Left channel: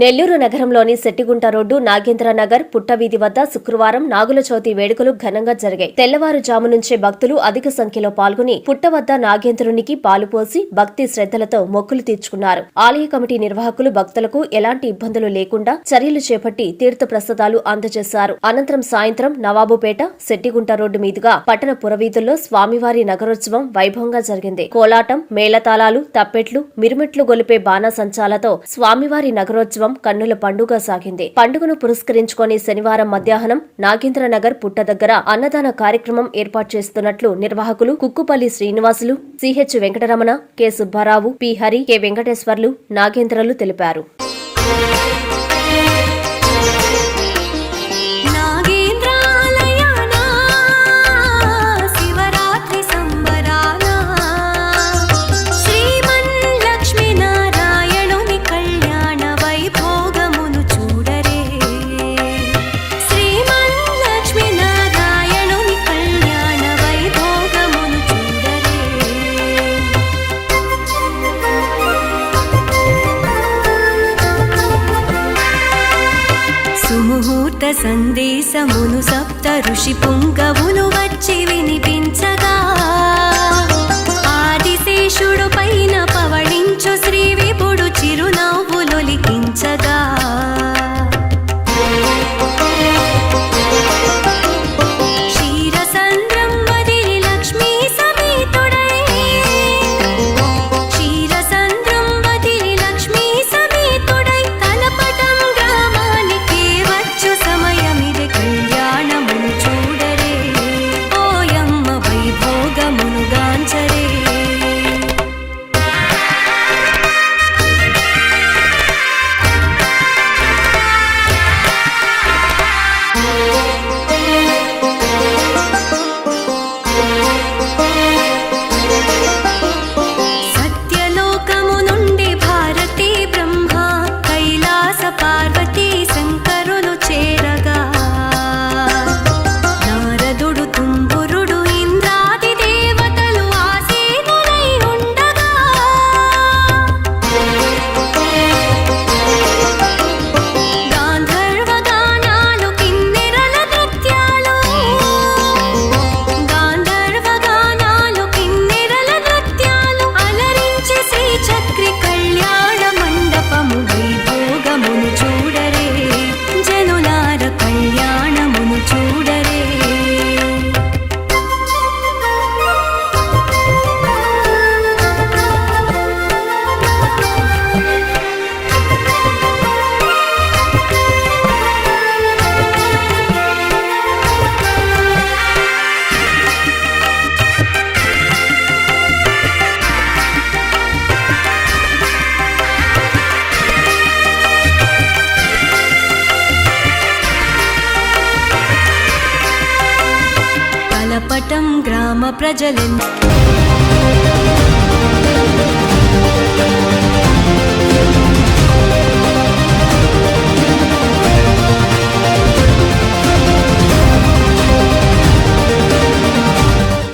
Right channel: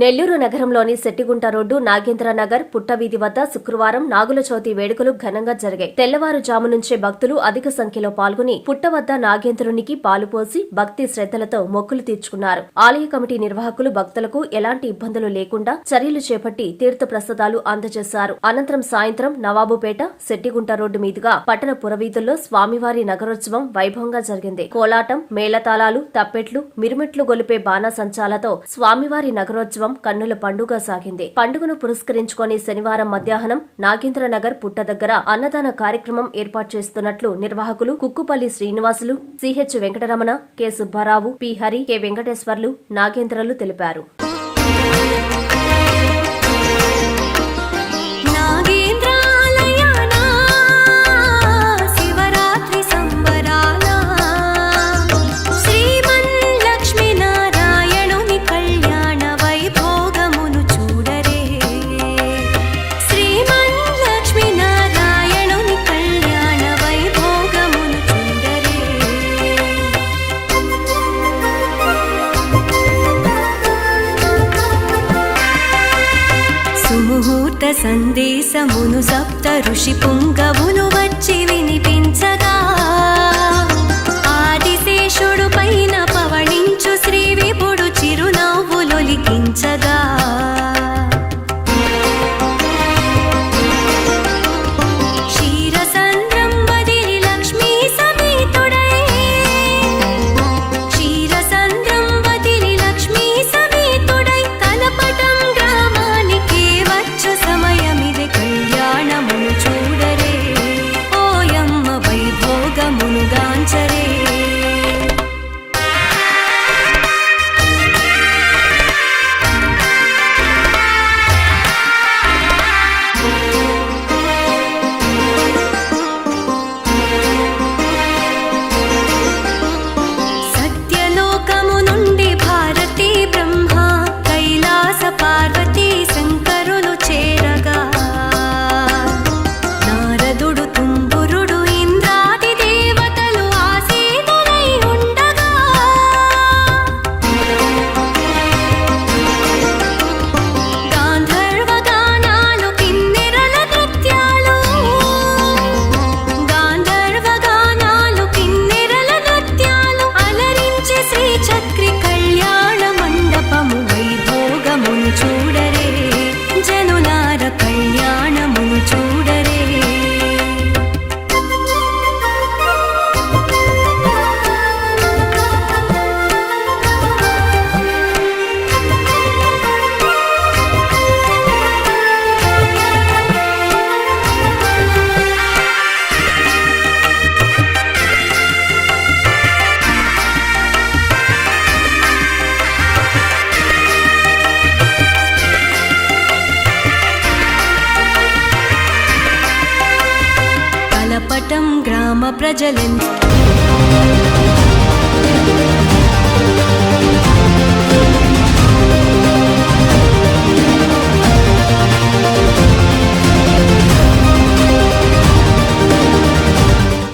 నెల్లూరు నగరంలోని శెట్టిగుంట రోడ్డు నాగేంద్ర నగర్ పుట్టవీధి వద్ద శుక్రవారం నాగుల చవితి వేడుకలు ఘనంగా జరిగాయి. తెల్లవారుజాము నుంచే భక్తులు అధిక సంఖ్యలో పాల్గొని పుట్ట వద్ద నాగేంద్రునికి పాలు పోసి భక్తి శ్రద్దలతో మొక్కులు తీర్చుకున్నారు. ఆలయ కమిటీ నిర్వాహకులు భక్తులకు ఎలాంటి ఇబ్బందులు లేకుండా చర్యలు చేపట్టి తీర్థ ప్రసాదాలు అందజేశారు. అనంతరం సాయంత్రం నవాబుపేట శెట్టిగుంట రోడ్డు మీదుగా పట్టణ పురవీధుల్లో స్వామివారి నగరోత్సవం వైభవంగా జరిగింది. కోలాటం, మేళతాళాలు, తప్పెట్లు, మిరుమిట్లు గొలిపే బాణాసంచాలతో స్వామివారి నగరోత్సవం కన్నుల పండుగ సాగింది. పండుగను పురస్కరించుకొని శనివారం మధ్యాహ్నం నాగేంద్ర నగర్ పుట్ట దగ్గర అన్నదాన కార్యక్రమం ఏర్పాటు చేస్తున్నట్లు నిర్వాహకులు Kukkupalli Srinivasulu, CH Venkataramana, K Subbarao, P Hari, K Venkateswarlu, నాగేంద్రలు తెలిపారు. సుముహూర్త సందేశమును సప్త ఋషి పుంగవులు వచ్చి వినిపించగా ఆదిశేషుడు పైన పవళించు శ్రీ విభుడు చిరునవ్వులొలికించగా క్షీరసంద్రం వదిలి లక్ష్మీ సమేతుడై క్షీరసంద్రం వదిలి లక్ష్మీ సమేతుడై తలపటం సమయమిదే కళ్యాణమును చూడరే ఓయమ్మ వైభోగమును గాంచరే. సత్యలోకము నుండి భారతీ బ్రహ్మ కైలాస పార్వతీ శంకరులు చేరగా నారదుడు తుంబురుడు ఇంద్రాది దేవతలు ఆసీనులై ఉండగా గాంధర్వ గానాలు కిన్నెరల నృత్యాలు గాంధర్వ గానాలు కిన్నెరల నృత్యాలు అలరించి శ్రీ చక్రి కళ్యాణ మండపము వైభోగమును చూడరే జనులార కళ్యాణమును చూడరే. కలపటం గ్రామ ప్రజలెంత